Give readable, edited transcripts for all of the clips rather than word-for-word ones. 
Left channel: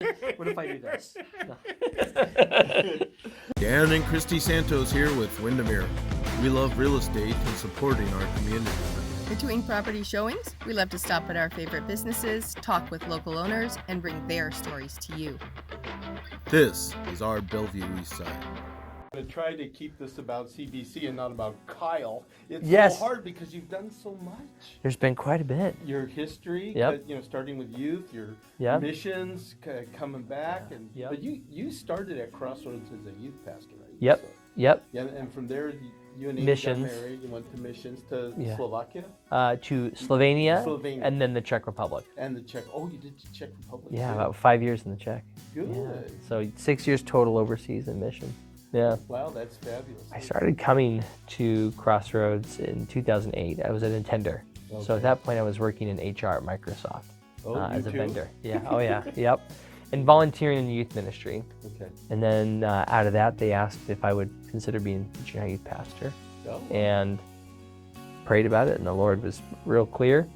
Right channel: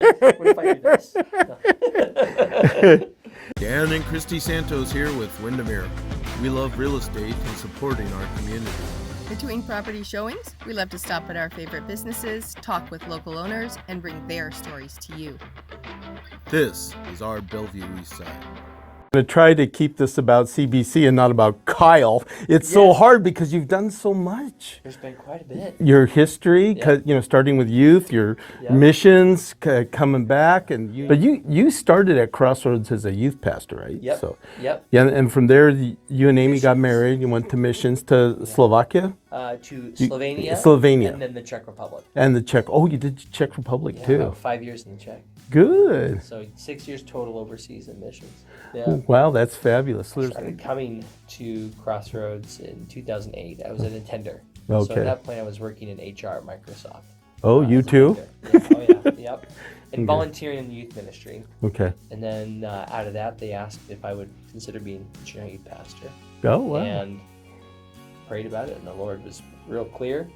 What if I do this? Dan and Christy Santos here with Windermere. We love real estate and supporting our community. Between property showings, we love to stop at our favorite businesses, talk with local owners, and bring their stories to you. This is our Bellevue East Side. I'm going to try to keep this about CBC and not about Kyle. It's so Yes. hard because you've done so much. There's been quite a bit. Your history, Yep. starting with youth, your Yep. missions, coming back, but you started at Crossroads as a youth pastor, right? Yep. So, Yep. yeah, and from there, you and Amy got Missions. married. You went to missions to Slovakia To Slovenia. Slovenia. And then the Czech Republic. and the Czech. Oh, you did Czech Republic Yeah, too. about 5 years in the Czech. Good. So 6 years total overseas in missions. Yeah. Wow, that's fabulous. I started coming to Crossroads in 2008. I was an attender. So Okay. at that point, I was working in HR at Microsoft. Oh, you as a too? vendor. Yeah. Oh, yeah. Yep. And volunteering in the youth ministry. Okay. And then out of that, they asked if I would consider being a youth pastor. Oh, wow. And prayed about it, and the Lord was real clear.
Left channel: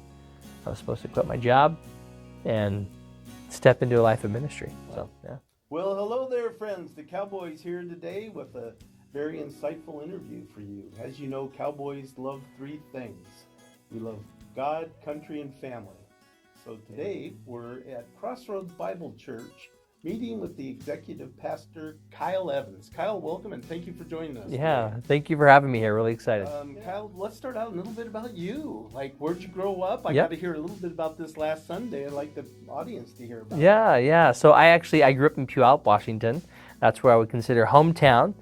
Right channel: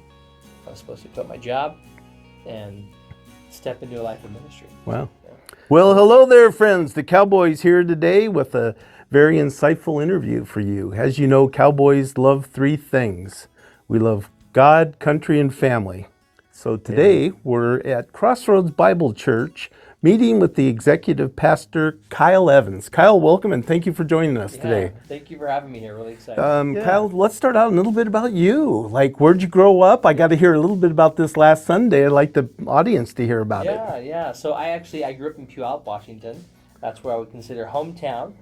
I was supposed to quit my job and step into a life of ministry. Wow. Yeah. Well, hello there, friends. The Cowboys here today with a very insightful interview for you. As you know, Cowboys love three things. We love God, country, and family. So today we're at Crossroads Bible Church meeting with the executive pastor, Kyle Evans. Kyle, welcome and thank you for joining us today. Thank you for having me here. Really excited. Kyle, let's start out a little bit about you. Like, where'd you grow up? I got to hear a little bit about this last Sunday. I'd like the audience to hear about it. Yeah. So I grew up in Puyallup, Washington. That's where I would consider hometown.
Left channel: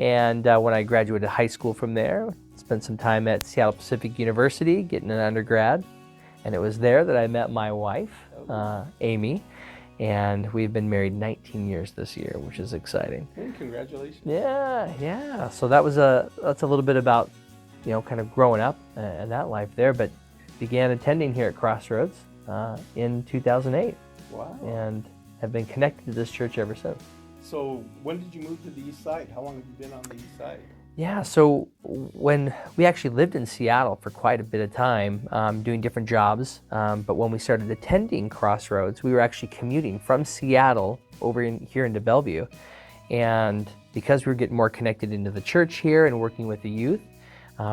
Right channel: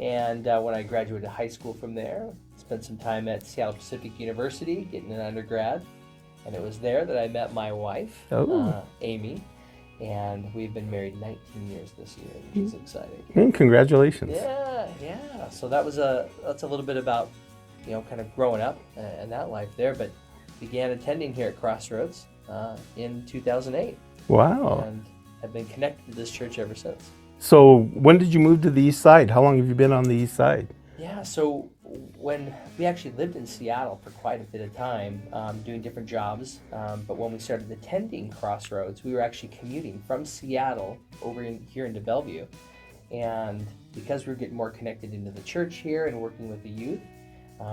And when I graduated high school from there, spent some time at Seattle Pacific University getting an undergrad. And it was there that I met my wife, Amy. And we've been married 19 years this year, which is exciting. Congratulations. Yeah. So that's a little bit about, kind of growing up and that life there, but began attending here at Crossroads in 2008. Wow. And have been connected to this church ever since. So when did you move to the east side? How long have you been on the east side? Yeah, so when we actually lived in Seattle for quite a bit of time, doing different jobs, but when we started attending Crossroads, we were actually commuting from Seattle over here into Bellevue. And because we were getting more connected into the church here and working with the youth,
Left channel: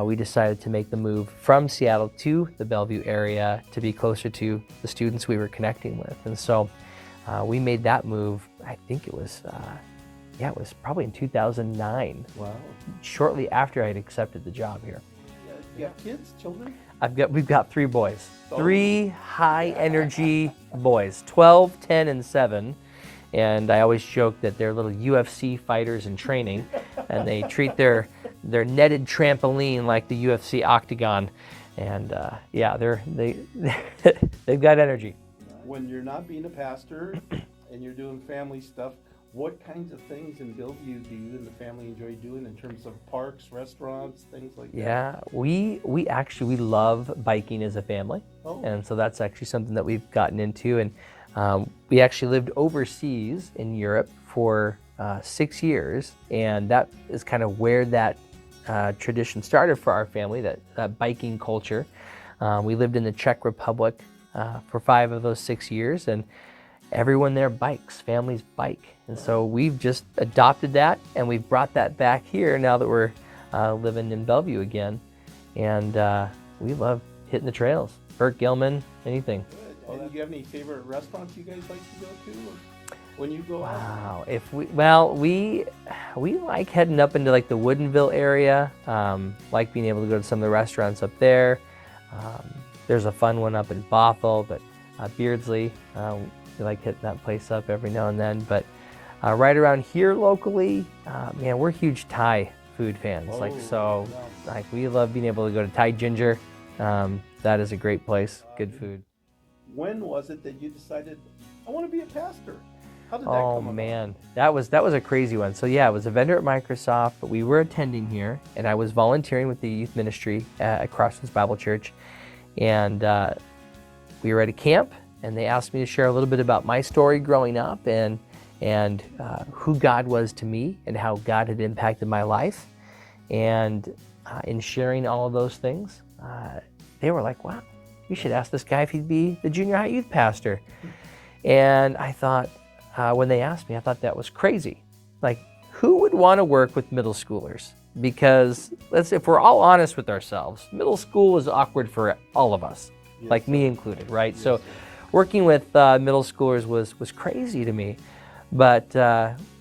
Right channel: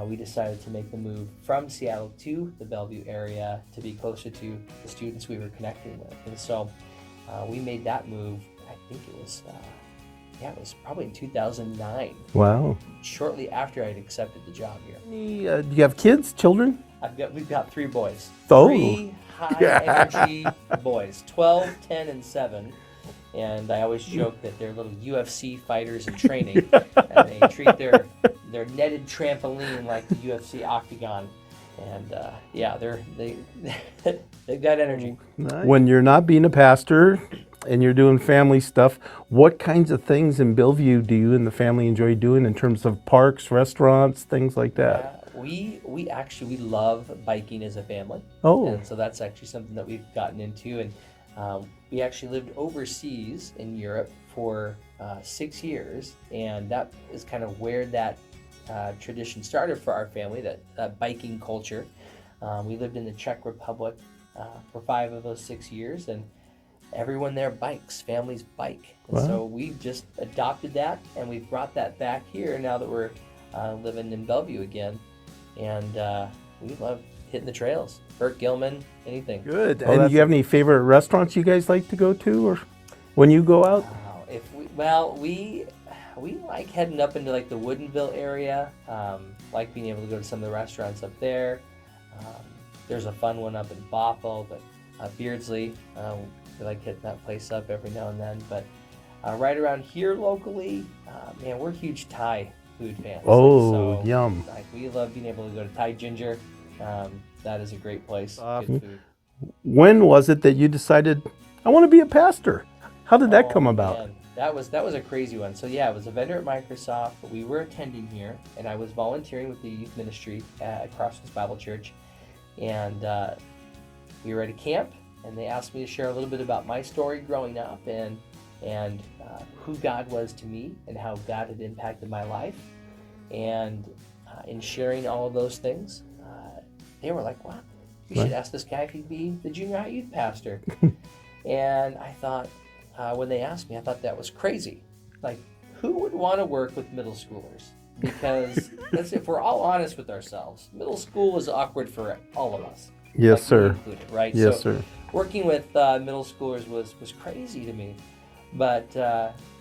we decided to make the move from Seattle to the Bellevue area to be closer to the students we were connecting with. And so we made that move, I think it was probably in 2009. Wow. Shortly after I had accepted the job here. Do you have kids, children? We've got 3 boys. Oh. 3 high energy boys, 12, 10, and 7. And I always joke that they're little UFC fighters in training, and they treat their netted trampoline like the UFC octagon. And they've got energy. Nice. When you're not being a pastor and you're doing family stuff, what kinds of things in Bellevue do you and the family enjoy doing in terms of parks, restaurants, things like that? Yeah, we actually love biking as a family. Oh. And so that's actually something that we've gotten into. And we actually lived overseas in Europe for 6 years. And that is kind of where that tradition started for our family, that biking culture. We lived in the Czech Republic for 5 of those 6 years. And everyone there bikes, families bike. And so we've just adopted that, and we've brought that back here now that we're living in Bellevue again. And we love hitting the trails. Burt Gilman, anything. Good. And do you have any favorite restaurants you guys like to go to, or when you go out? We like heading up into like the Woodinville area. Like being able to go to some of the restaurants up there. There's a fun one up in Bothell, but Beardsley. We like hitting that place up every now and then. But right around here locally, we're huge Thai food fans. Yum. Like we love being able to go to Thai Ginger. That is a great place. Good food. When was it that you decided, I want to be a pastor? How did that come about? Man. That was a crazy one. So yeah, I was a vendor at Microsoft, but we were attending here, and I was volunteering with the youth ministry at Crossroads Bible Church. And we were at a camp, and they asked me to share a little bit about my story growing up and who God was to me and how God had impacted my life. And in sharing all of those things, they were like, wow, you should ask this guy if he'd be the junior high youth pastor. And I thought, when they asked me, I thought that was crazy. Like, who would want to work with middle schoolers? Because if we're all honest with ourselves, middle school was awkward for all of us, Yes, like sir. me included, right? Yes, so sir. working with middle schoolers was crazy to me. But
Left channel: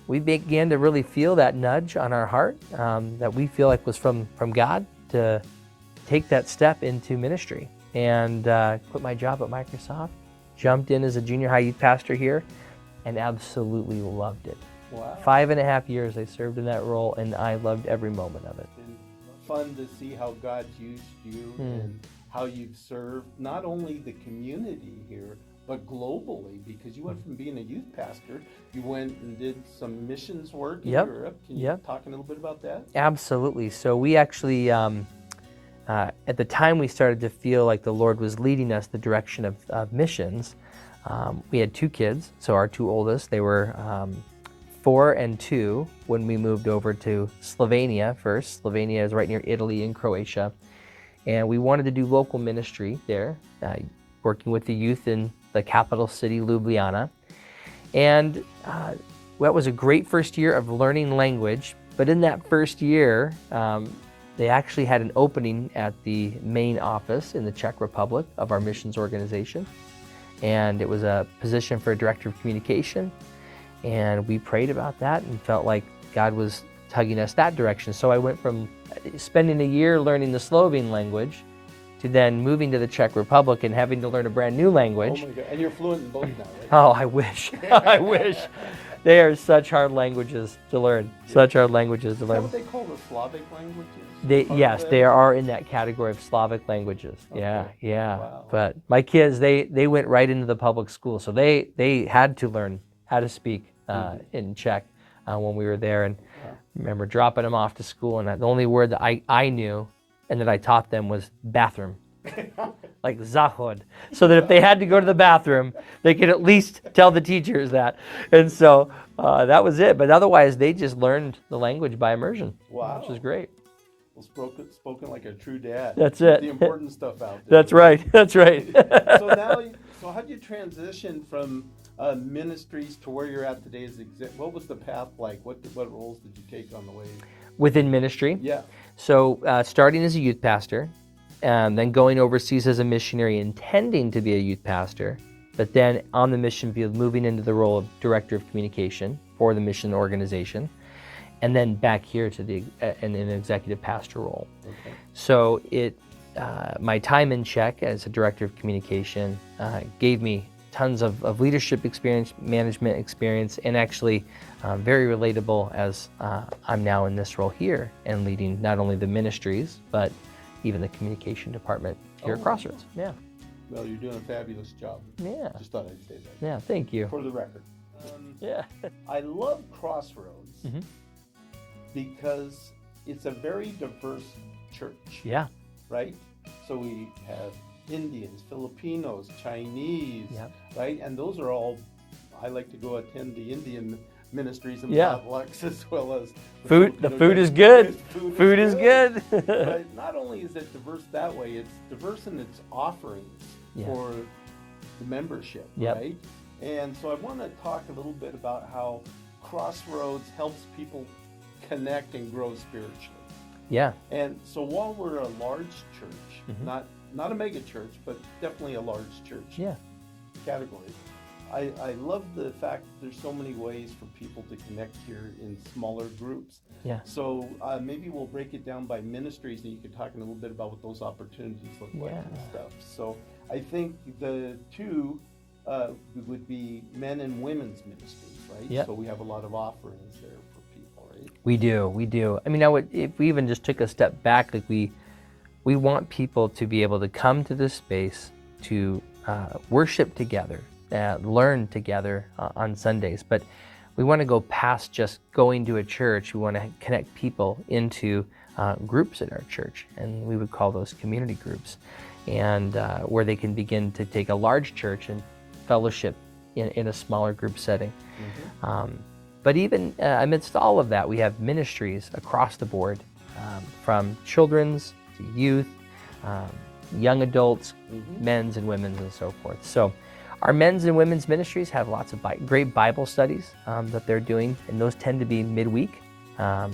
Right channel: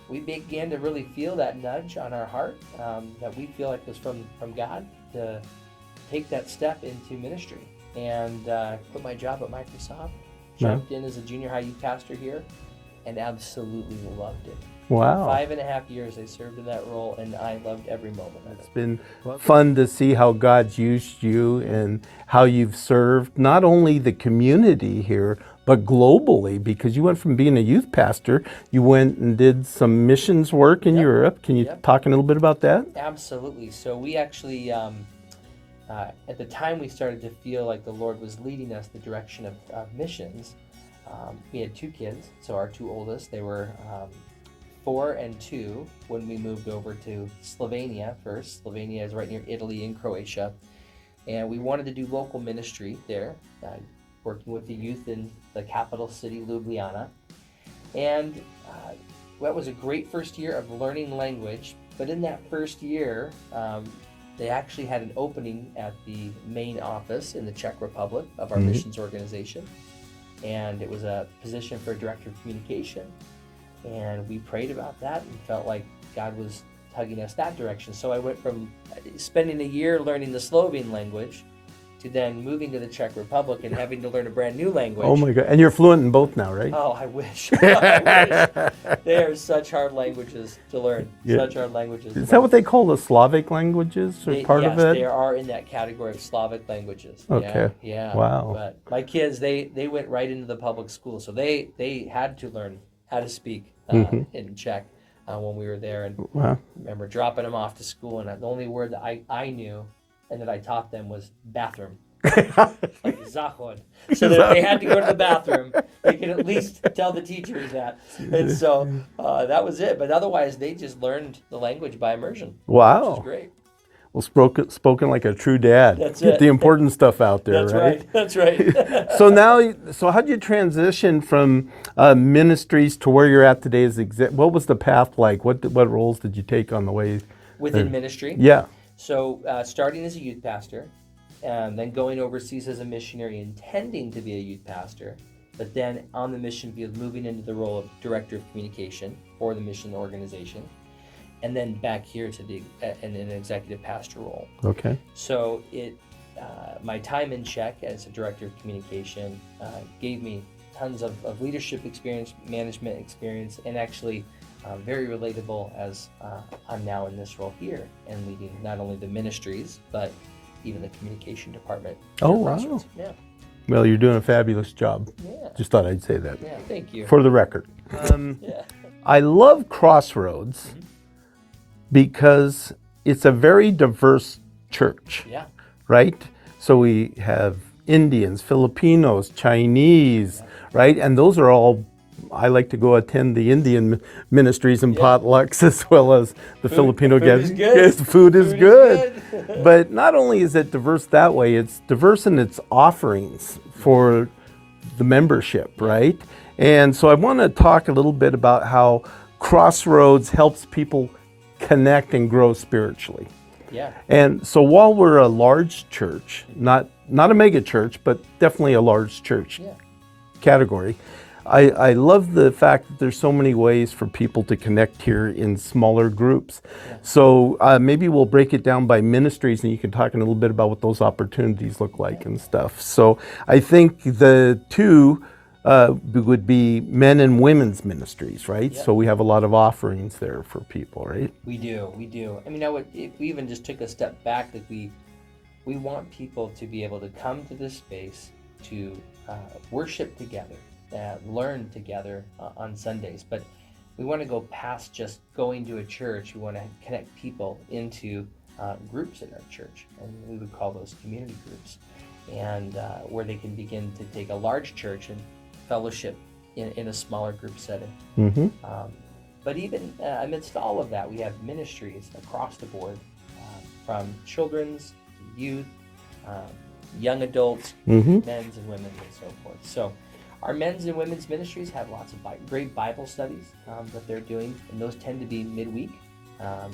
we began to really feel that nudge on our heart that we feel like was from God to take that step into ministry. And quit my job at Microsoft, jumped in as a junior high youth pastor here, and absolutely loved it. Wow. 5.5 years I served in that role, and I loved every moment of it. It's been fun to see how God's used you and how you've served not only the community here, but globally, because you went from being a youth pastor, you went and did some missions work in Europe. Can you talk a little bit about that? Absolutely. So we actually, at the time we started to feel like the Lord was leading us the direction of missions. We had 2 kids, so our 2 oldest, they were 4 and 2 when we moved over to Slovenia first. Slovenia is right near Italy and Croatia. And we wanted to do local ministry there, working with the youth in the capital city, Ljubljana. And that was a great first year of learning language. But in that first year, they actually had an opening at the main office in the Czech Republic of our missions organization. And it was a position for a director of communication. And we prayed about that and felt like God was tugging us that direction. So I went from spending a year learning the Slovene language to then moving to the Czech Republic and having to learn a brand new language. Oh my God. And you're fluent in both now, right? Oh, I wish. I wish. They are such hard languages to learn. Yeah. Such hard languages. Is that what they call the Slavic languages? Yes, they are in that category of Slavic languages. Okay. Yeah. Wow. But my kids, they went right into the public school, so they had to learn how to speak in Czech when we were there. And I remember dropping them off to school, and the only word that I knew and that I taught them was bathroom. Like zahod. So that if they had to go to the bathroom, they could at least tell the teachers that. And so that was it. But otherwise, they just learned the language by immersion. Wow. Which was great. Well, spoken like a true dad. That's Get it. the important stuff out there. That's right. That's right. So how did you transition from ministries to where you're at today as what was the path like? What roles did you take on the way? Within ministry? Yeah. So starting as a youth pastor, and then going overseas as a missionary, intending to be a youth pastor, but then on the mission field, moving into the role of director of communication for the mission organization, and then back here to in an executive pastor role. Okay. So my time in Czech as a director of communication gave me tons of leadership experience, management experience, and actually very relatable as I'm now in this role here and leading not only the ministries, but even the communication department here at Crossroads. Wow. Yeah. Well, you're doing a fabulous job. Yeah. Just thought I'd say that. Yeah, thank you. For the record. Yeah. I love Crossroads because it's a very diverse church. Yeah. Right? So we have Indians, Filipinos, Chinese, right? And those are all, I like to go attend the Indian ministries and potlucks as well as the Filipino food is good. Yes, food is good. good. But not only is it diverse that way, it's diverse in its offerings for the membership, right? And so I want to talk a little bit about how Crossroads helps people connect and grow spiritually. Yeah. And so while we're a large church, not a mega church, but definitely a large church category, I love the fact that there's so many ways for people to connect here in smaller groups. Yeah. So maybe we'll break it down by ministries, and you can talk a little bit about what those opportunities look like and stuff. So I think the two would be men and women's ministries, right? Yep. So we have a lot of offerings there for people, right? We do. I mean, if we even just took a step back, like we want people to be able to come to this space to worship together, learn together on Sundays, but we want to go past just going to a church. We want to connect people into groups in our church, and we would call those community groups, and where they can begin to take a large church and fellowship in a smaller group setting. But even amidst all of that, we have ministries across the board, from children's to youth, young adults, men's and women's, and so forth. So Our men's and women's ministries have lots of great Bible studies that they're doing, and those tend to be midweek.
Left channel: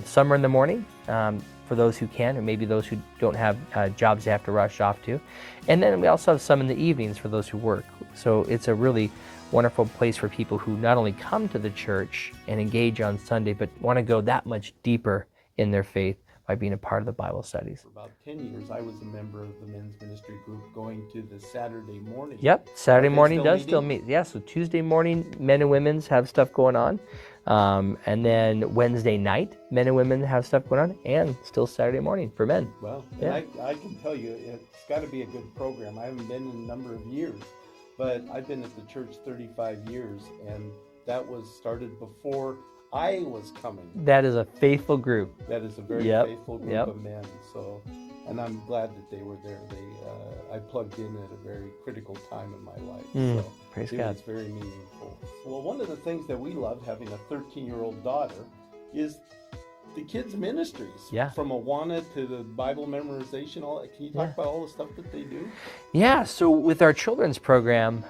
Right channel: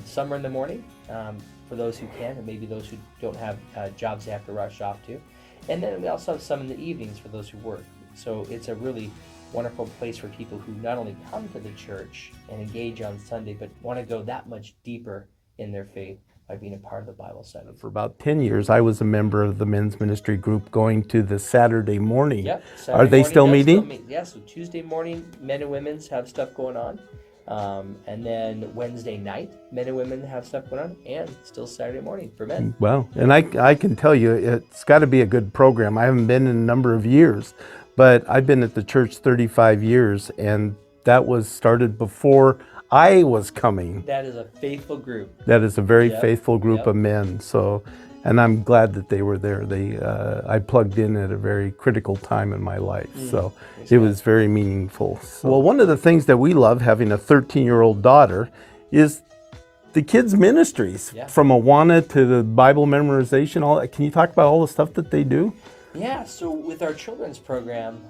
Some are in the morning for those who can, or maybe those who don't have jobs they have to rush off to. And then we also have some in the evenings for those who work. So it's a really wonderful place for people who not only come to the church and engage on Sunday, but want to go that much deeper in their faith by being a part of the Bible studies. For about 10 years, I was a member of the men's ministry group going to the Saturday morning. Yep, Saturday Are they morning still does meeting? meet. Yeah, so Tuesday morning, men and women's have stuff going on. And then Wednesday night, men and women have stuff going on, and still Saturday morning for men. Well, and I can tell you, it's got to be a good program. I haven't been in a number of years, but I've been at the church 35 years, and that was started before I was coming. That is a faithful group. That is a very Yep, faithful group yep. of men. So, and I'm glad that they were there. I plugged in at a very critical time in my life. So praise it God. was very meaningful. Well, one of the things that we love, having a 13-year-old daughter, is the kids' ministries. Yeah. From Awana to the Bible memorization, all that. Can you talk about all the stuff that they do? Yeah, so with our children's program,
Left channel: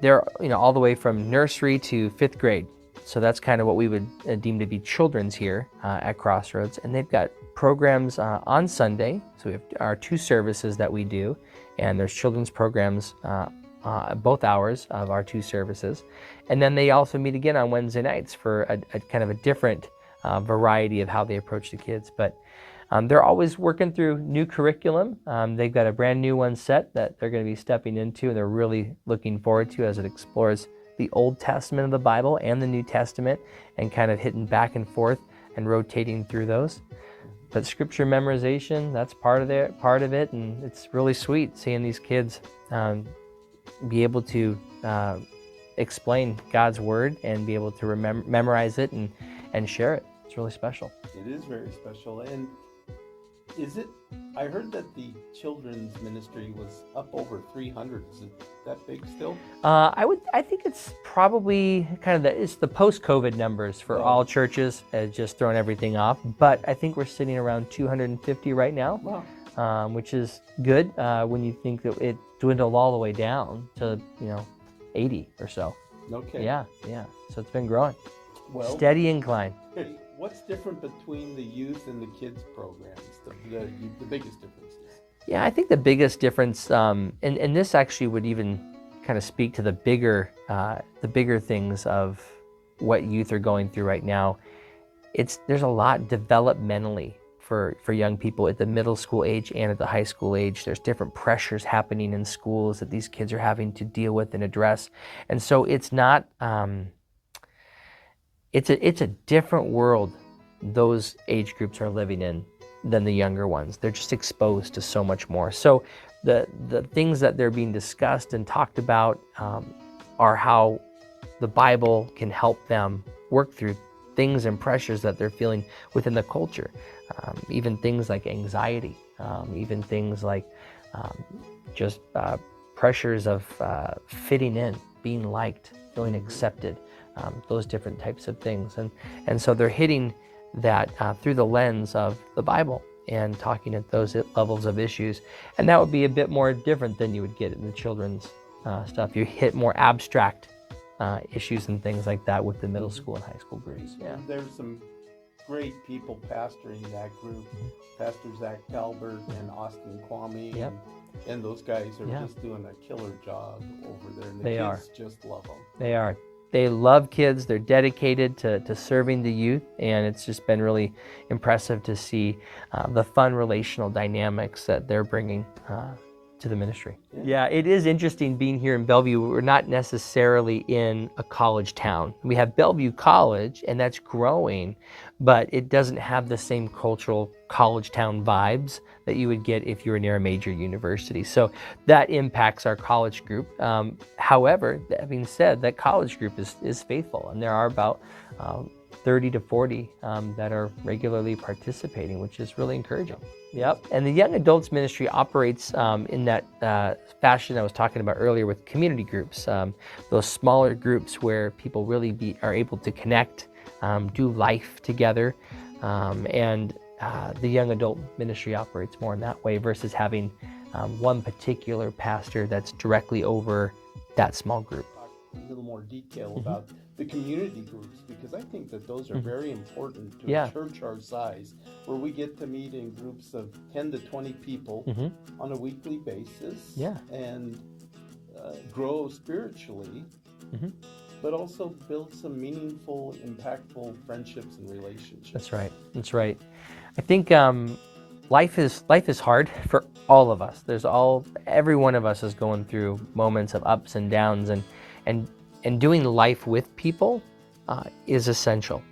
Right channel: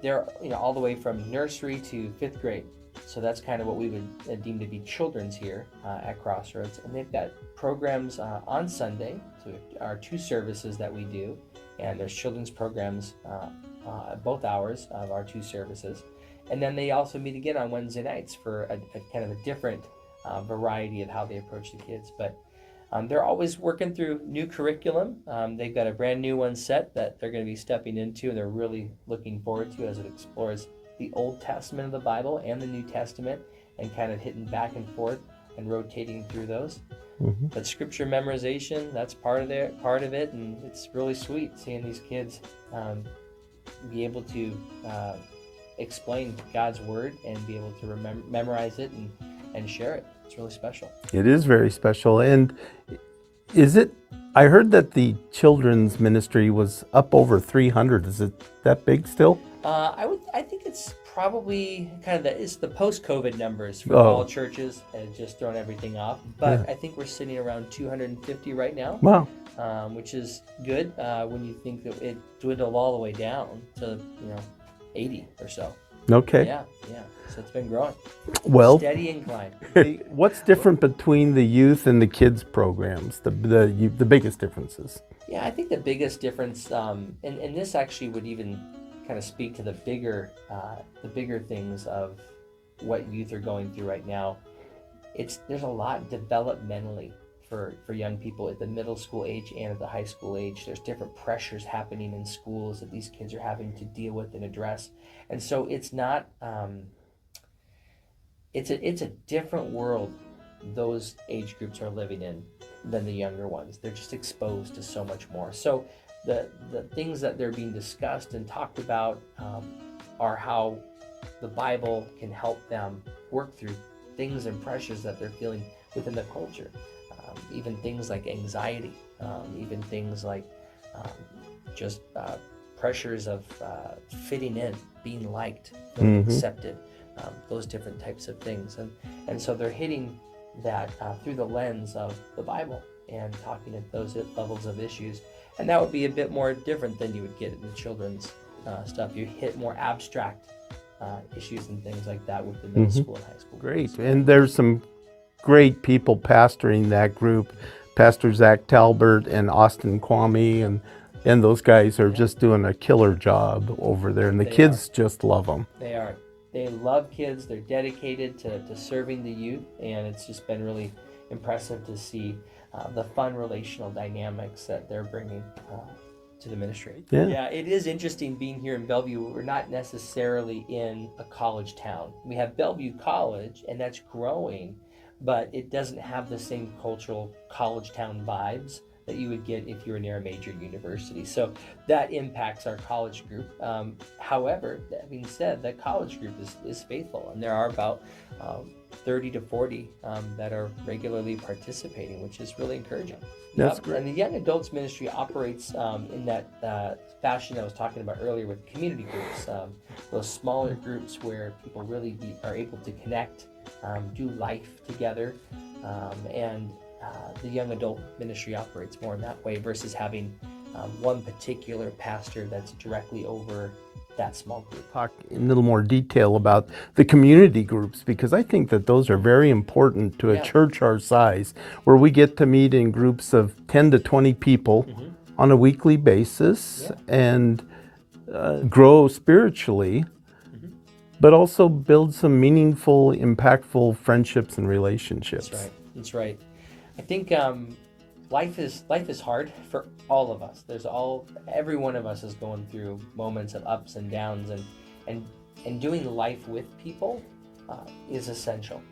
they're all the way from nursery to 5th grade. So that's kind of what we would deem to be children's here at Crossroads. And they've got programs on Sunday. So we have our 2 services that we do. And there's children's programs both hours of our 2 services. And then they also meet again on Wednesday nights for a kind of a different variety of how they approach the kids. But they're always working through new curriculum. They've got a brand new one set that they're going to be stepping into, and they're really looking forward to as it explores the Old Testament of the Bible and the New Testament, and kind of hitting back and forth and rotating through those. Mm-hmm. But scripture memorization, that's part of it, and it's really sweet seeing these kids be able to explain God's Word and be able to memorize it and share it. It's really special. It is very special. And I heard that the children's ministry was up over 300. Is it that big still? I think it's probably kind of it's the post-COVID numbers for all churches, just throwing everything off. But I think we're sitting around 250 right now. Wow. Which is good when you think that it dwindled all the way down to 80 or so. Okay. Yeah. So it's been growing. Well, Steady incline. what's different between the youth and the kids programs? The biggest differences? Yeah, I think the biggest difference, and this actually would even kind of speak to the bigger things of what youth are going through right now. There's a lot developmentally for young people at the middle school age and at the high school age. There's different pressures happening in schools that these kids are having to deal with and address. And so it's not, it's a different world those age groups are living in than the younger ones. They're just exposed to so much more. So the things that they're being discussed and talked about are how the Bible can help them work through things and pressures that they're feeling within the culture. Even things like anxiety, even things like just pressures of fitting in, being liked, feeling accepted, those different types of things. And so they're hitting that through the lens of the Bible and talking at those levels of issues. And that would be a bit more different than you would get in the children's stuff. You hit more abstract issues and things like that with the middle school and high school groups. Great. And there's some great people pastoring that group. Pastor Zach Talbert and Austin Kwame, and those guys are just doing a killer job over there. And the kids just love them. They are. They love kids. They're dedicated to serving the youth, and it's just been really impressive to see the fun relational dynamics that they're bringing to the ministry. Yeah, it is interesting being here in Bellevue. We're not necessarily in a college town. We have Bellevue College, and that's growing, but it doesn't have the same cultural college town vibes that you would get if you were near a major university. So that impacts our college group. However, that being said, that college group is faithful, and there are about 30 to 40 that are regularly participating, which is really encouraging. Yep. And the young adults ministry operates in that fashion I was talking about earlier with community groups, those smaller groups where people really are able to connect, do life together, and the young adult ministry operates more in that way versus having one particular pastor that's directly over that small group. Talk in a little more detail about the community groups, because I think that those are very important to a Yeah. church our size, where we get to meet in groups of 10 to 20 people on a weekly basis Yeah. and grow spiritually, but also build some meaningful, impactful friendships and relationships. That's right. That's right. I think life is hard for all of us. Every one of us is going through moments of ups and downs, and doing life with people is essential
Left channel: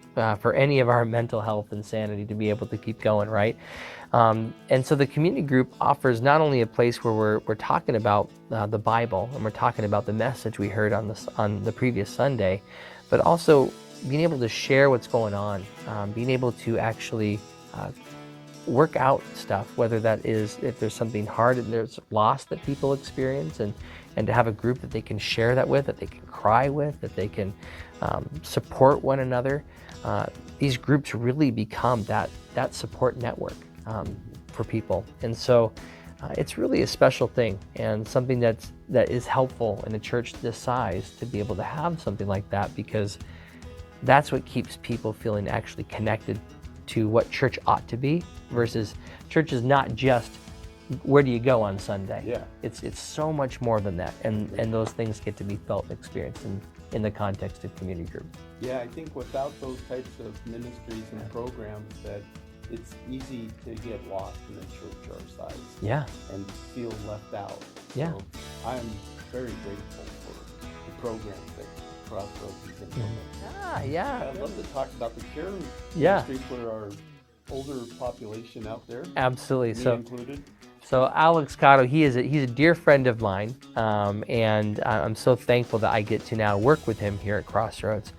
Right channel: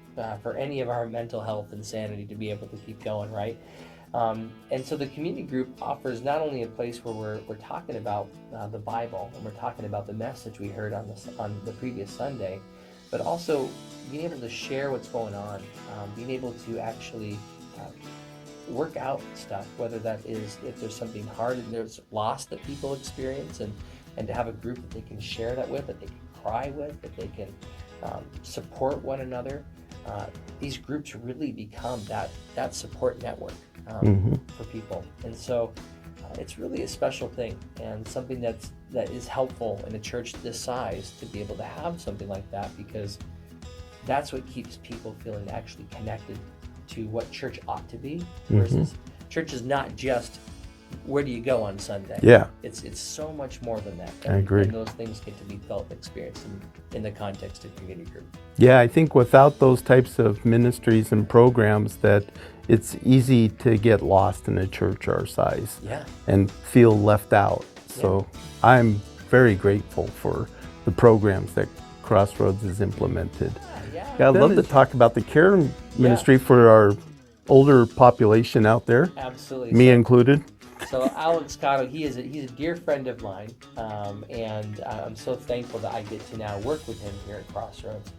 for any of our mental health and sanity to be able to keep going, right? And so the community group offers not only a place where we're talking about the Bible and we're talking about the message we heard on the previous Sunday, but also being able to share what's going on, being able to actually work out stuff, whether that is if there's something hard and there's loss that people experience, and to have a group that they can share that with, that they can cry with, that they can support one another. These groups really become that support network for people, and so it's really a special thing and something that is helpful in a church this size to be able to have something like that, because that's what keeps people feeling actually connected to what church ought to be, versus church is not just where do you go on Sunday. Yeah. It's so much more than that. I agree. And those things get to be felt and experienced in the context of community group. Yeah, I think without those types of ministries and programs, that it's easy to get lost in a church our size. Yeah. And feel left out. So I'm very grateful for the programs that Crossroads has implemented. Yeah. Yeah, I'd love to talk about the care ministry for our older population out there, Absolutely. me included. So Alex Cotto, he's a dear friend of mine, and I'm so thankful that I get to now work with him here at Crossroads.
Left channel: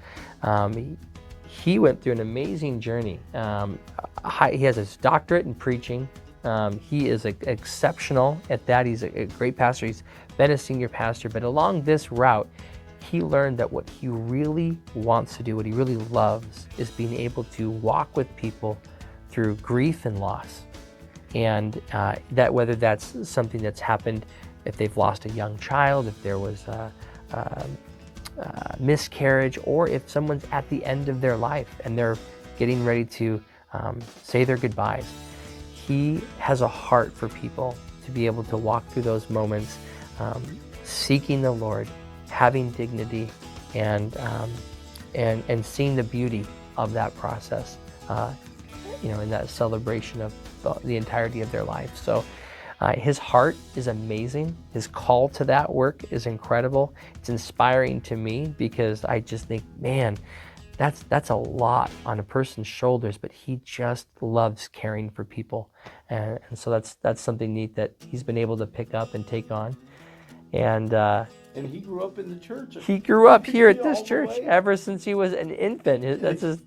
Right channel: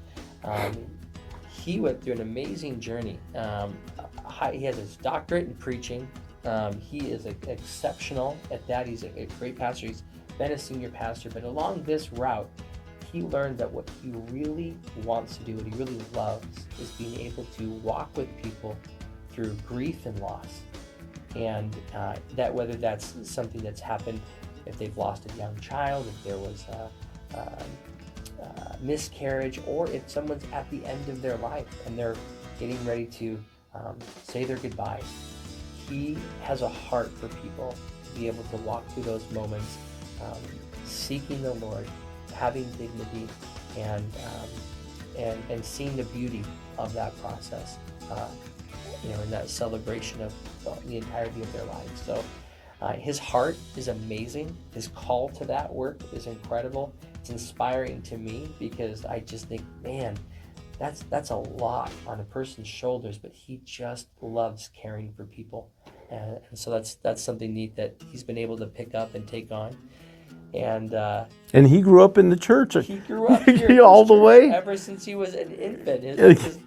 He went through an amazing journey. He has his doctorate in preaching. He is exceptional at that. He's a great pastor. He's been a senior pastor, but along this route, he learned that what he really wants to do, what he really loves, is being able to walk with people through grief and loss. And that whether that's something that's happened, if they've lost a young child, if there was a miscarriage, or if someone's at the end of their life and they're getting ready to say their goodbyes. He has a heart for people to be able to walk through those moments, seeking the Lord, having dignity, and seeing the beauty of that process, in that celebration of the entirety of their life. So his heart is amazing. His call to that work is incredible. It's inspiring to me, because I just think, man, that's a lot on a person's shoulders, but he just loves caring for people. And so that's something neat that he's been able to pick up and take on. And he grew up in the church. he grew up here at this all the church way ever since he was an infant.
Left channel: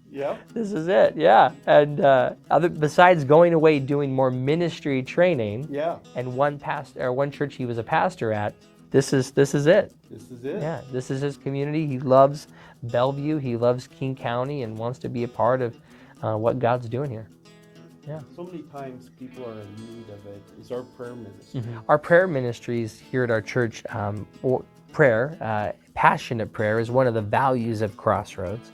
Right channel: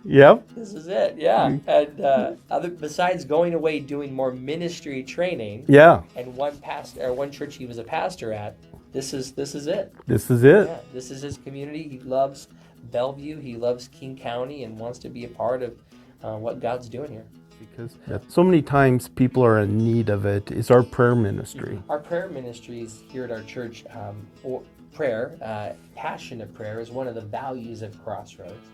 Yep. This is it, yeah. And besides going away doing more ministry training, and one church he was a pastor at, this is it. This is it. Yeah, this is his community. He loves Bellevue. He loves King County and wants to be a part of what God's doing here. Because so many times people are in need of it, is our prayer ministry. Our prayer ministries here at our church, passionate prayer is one of the values of Crossroads.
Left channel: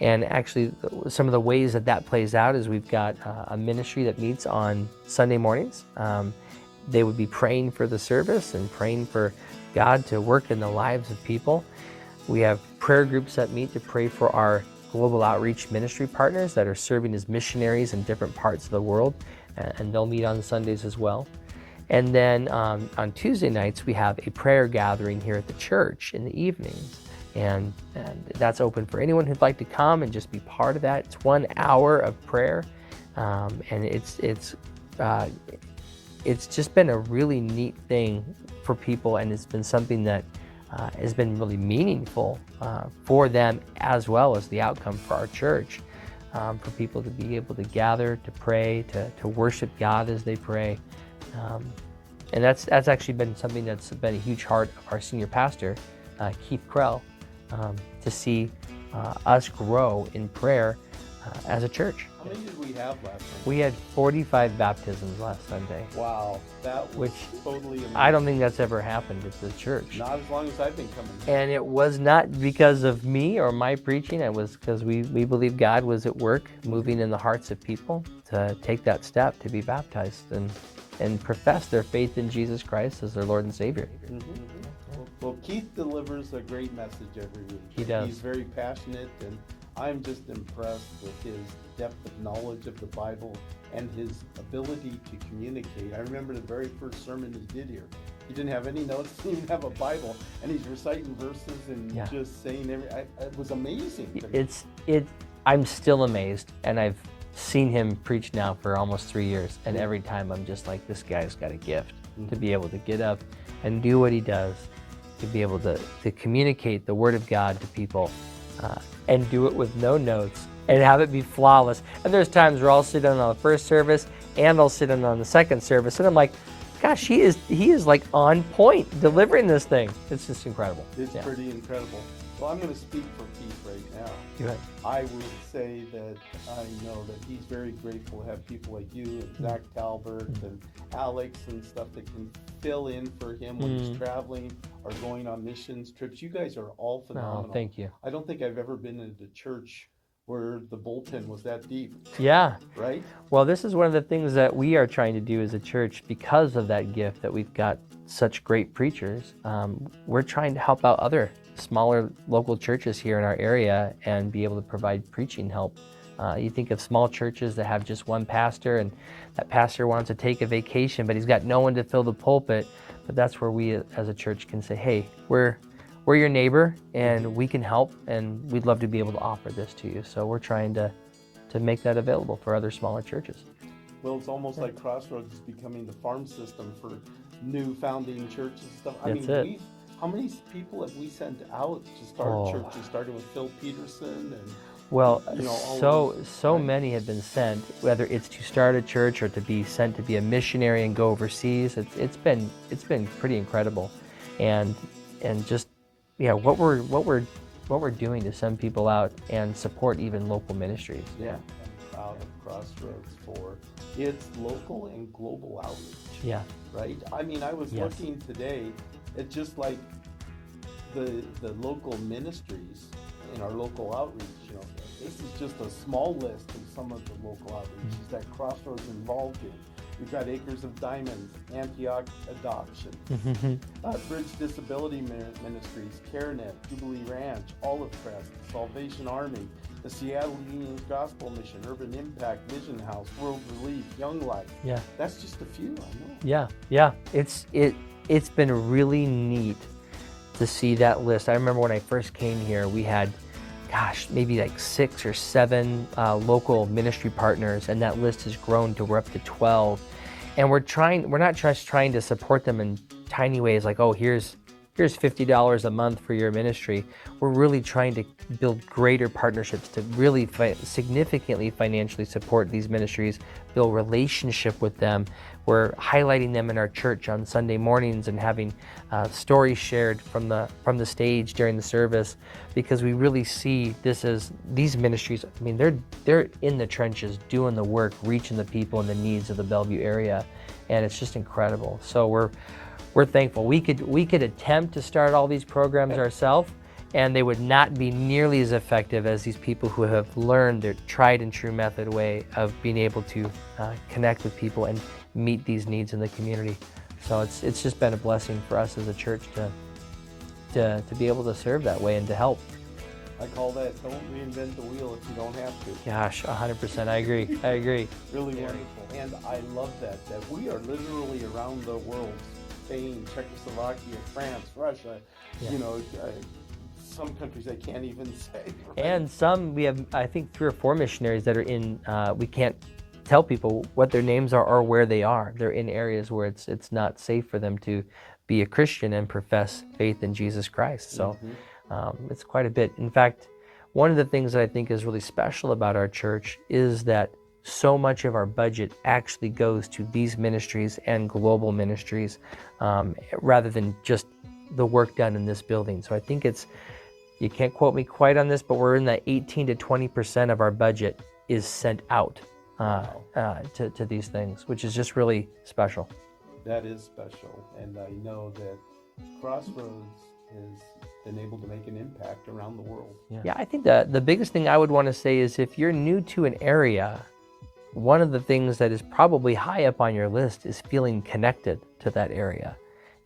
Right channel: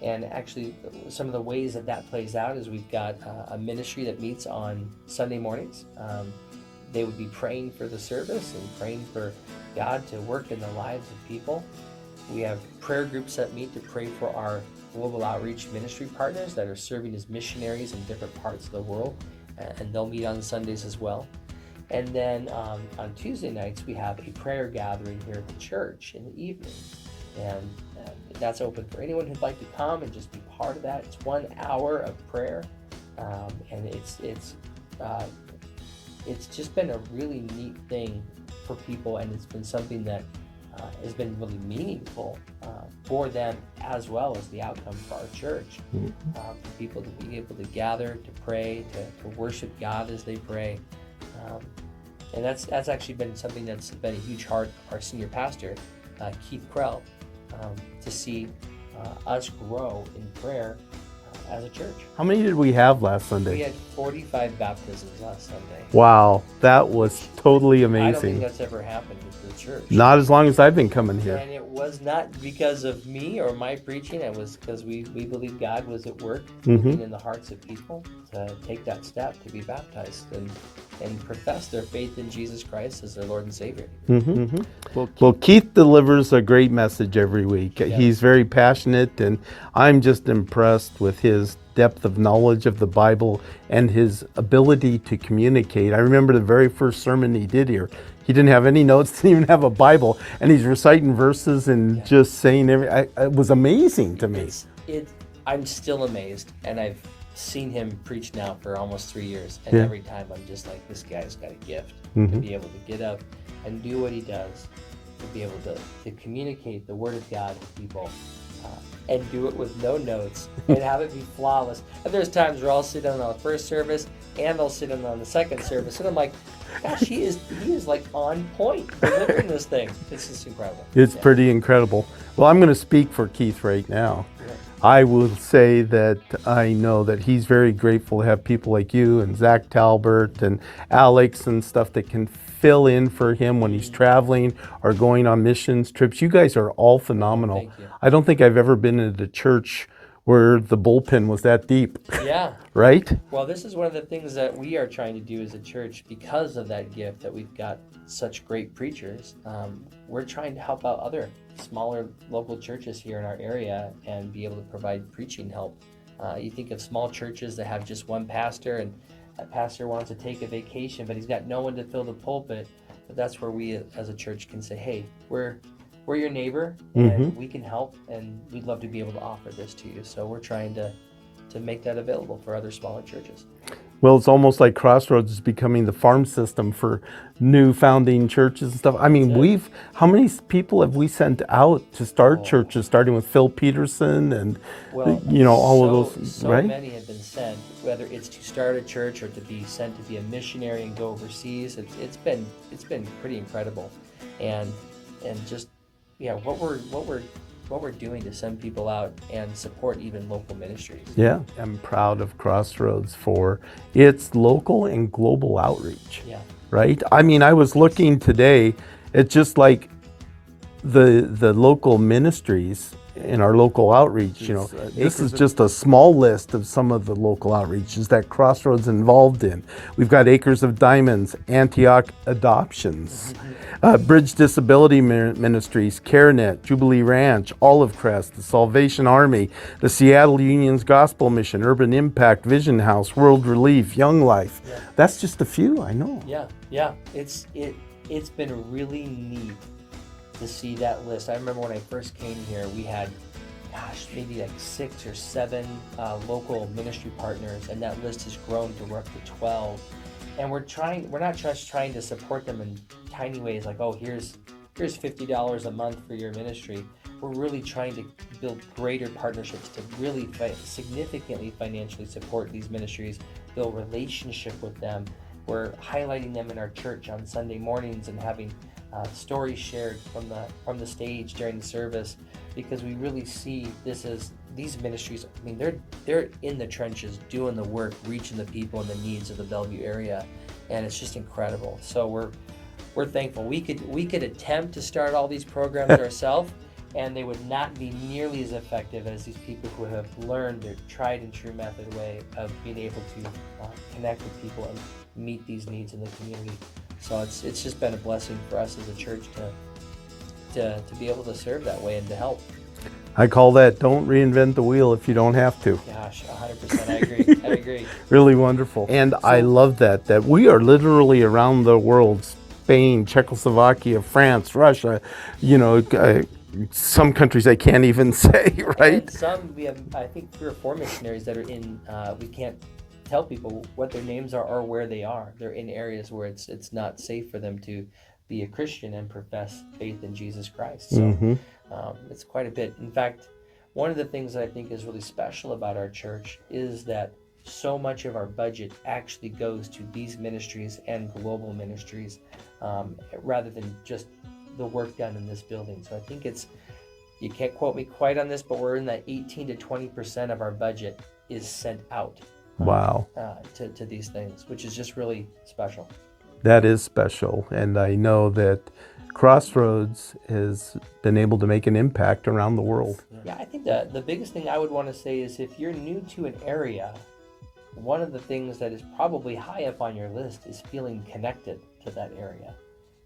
And actually, some of the ways that plays out is we've got a ministry that meets on Sunday mornings. They would be praying for the service and praying for God to work in the lives of people. We have prayer groups that meet to pray for our global outreach ministry partners that are serving as missionaries in different parts of the world, and they'll meet on Sundays as well. And then on Tuesday nights, we have a prayer gathering here at the church in the evening. And that's open for anyone who'd like to come and just be part of that. It's 1 hour of prayer, and it's just been a really neat thing for people, and it's been something that has been really meaningful for them, as well as the outcome for our church, for people to be able to gather, to pray, to worship God as they pray. And that's actually been something that's been a huge heart of our senior pastor, Keith Krell, to see us grow in prayer as a church. How many did we have last Sunday? We had 45 baptisms last Sunday. Wow, that was totally amazing. I don't think that's ever happened at the church. Not as long as I've been coming here. And it was not because of me or my preaching. It was because we believe God was at work, moving in the hearts of people to take that step to be baptized and profess their faith in Jesus Christ as their Lord and Savior. Well, Keith delivers a great message every week. He does. He's very passionate, and I'm just impressed with his depth of knowledge of the Bible and his ability to communicate. I remember the very first sermon he did here. He didn't have any notes, didn't even have a Bible, and he's reciting verses and just saying it was amazing to me. I'm still amazed, and I've seen him preach now for almost 3 years, and every time I'm just like, this guy's got a gift to be able to get up and do what he does, to be able to communicate the Word of God to people, and do it with no notes and have it be flawless. And there's times where I'll sit in on the first service and I'll sit in on the second service, and I'm like, gosh, he is like on point delivering this thing. It's just incredible. It's pretty incredible. Well, I'm going to speak for Keith right now. I will say that I know that he's very grateful to have people like you and Zach Talbert and Alex and stuff that can fill in for him when he's traveling or going on missions trips. You guys are all phenomenal. Thank you. I don't think I've ever been at a church where the bullpen was that deep. Yeah. Right? Well, this is one of the things that we are trying to do as a church because of that gift that we've got such great preachers. We're trying to help out other smaller local churches here in our area and be able to provide preaching help. You think of small churches that have just one pastor, and that pastor wants to take a vacation, but he's got no one to fill the pulpit. But that's where we as a church can say, hey, we're your neighbor, and we can help, and we'd love to be able to offer this to you. So we're trying to make that available for other smaller churches. Well, it's almost like Crossroads is becoming the farm system for new founding churches and stuff. I mean, how many people have we sent out to start churches, starting with Phil Peterson and, all of those, so right? many have been sent, whether it's to start a church or to be sent to be a missionary and go overseas. It's been pretty incredible, and just what we're doing to send people out and support even local ministries. Yeah, I'm proud of Crossroads for its local and global outreach. Yeah. Right? I mean, I was looking today at just like the local ministries in our local outreach, this is just a small list of some of the local outreaches that Crossroads involved in. We've got Acres of Diamonds, Antioch Adoptions, Bridge Disability Ministries, CareNet, Jubilee Ranch, Olive Crest, the Salvation Army, the Seattle Union's Gospel Mission, Urban Impact, Vision House, World Relief, Young Life. Yeah. That's just a few, I know. Yeah. It's been really neat to see that list. I remember when I first came here, we had, maybe like 6 or 7 local ministry partners, and that list has grown to we're up to 12. And we're not just trying to support them in tiny ways like, oh, here's $50 a month for your ministry. We're really trying to build greater partnerships to really significantly financially support these ministries, build relationship with them. We're highlighting them in our church on Sunday mornings and having stories shared from the stage during the service, because we really see this as these ministries. I mean, they're in the trenches doing the work, reaching the people and the needs of the Bellevue area, and it's just incredible. So we're thankful. We could attempt to start all these programs ourselves, and they would not be nearly as effective as these people who have learned their tried and true method way of being able to connect with people and meet these needs in the community. So it's just been a blessing for us as a church to be able to serve that way and to help. I call that don't reinvent the wheel if you don't have to. Gosh, 100%. I agree. Really wonderful. And I love that we are literally around the world: Spain, Czechoslovakia, France, Russia, some countries I can't even say, right? And some, we have, I think, 3 or 4 missionaries that are in, we can't tell people what their names are or where they are. They're in areas where it's not safe for them to be a Christian and profess faith in Jesus Christ. So it's quite a bit. In fact, one of the things that I think is really special about our church is that so much of our budget actually goes to these ministries and global ministries, rather than just the work done in this building. So I think it's You can't quote me quite on this, but we're in that 18 to 20% of our budget is sent out Wow. To these things, which is just really special. That is special. And I know that Crossroads has been able to make an impact around the world. Yeah, I think the biggest thing I would want to say is if you're new to an area, one of the things that is probably high up on your list is feeling connected to that area.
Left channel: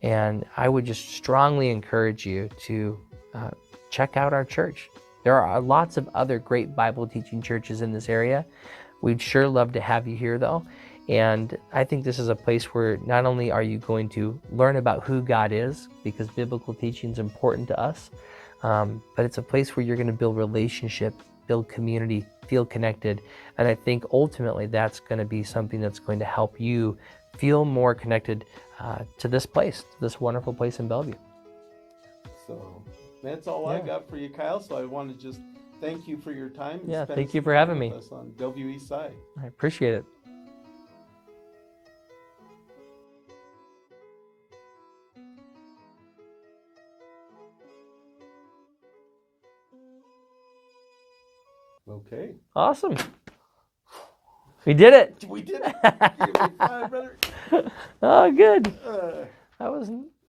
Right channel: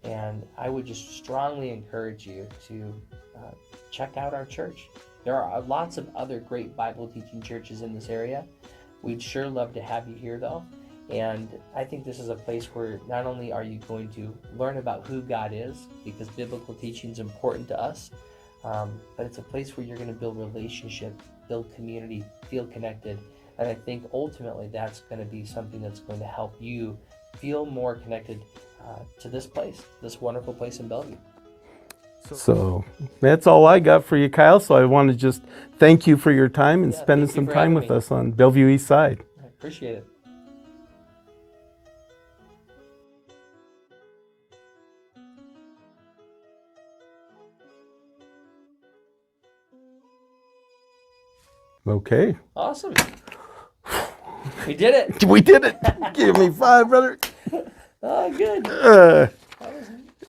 And I would just strongly encourage you to check out our church. There are lots of other great Bible teaching churches in this area. We'd sure love to have you here though. And I think this is a place where not only are you going to learn about who God is, because biblical teaching is important to us, but it's a place where you're going to build relationship, build community, feel connected. And I think ultimately that's going to be something that's going to help you feel more connected to this place, this wonderful place in Bellevue. So that's all I got for you, Kyle. So I want to just thank you for your time and spending some time with us on Bellevue East Side. I appreciate it. Okay. Awesome. We did it. We did it. Give me 5, brother. Oh, good. Uh, That was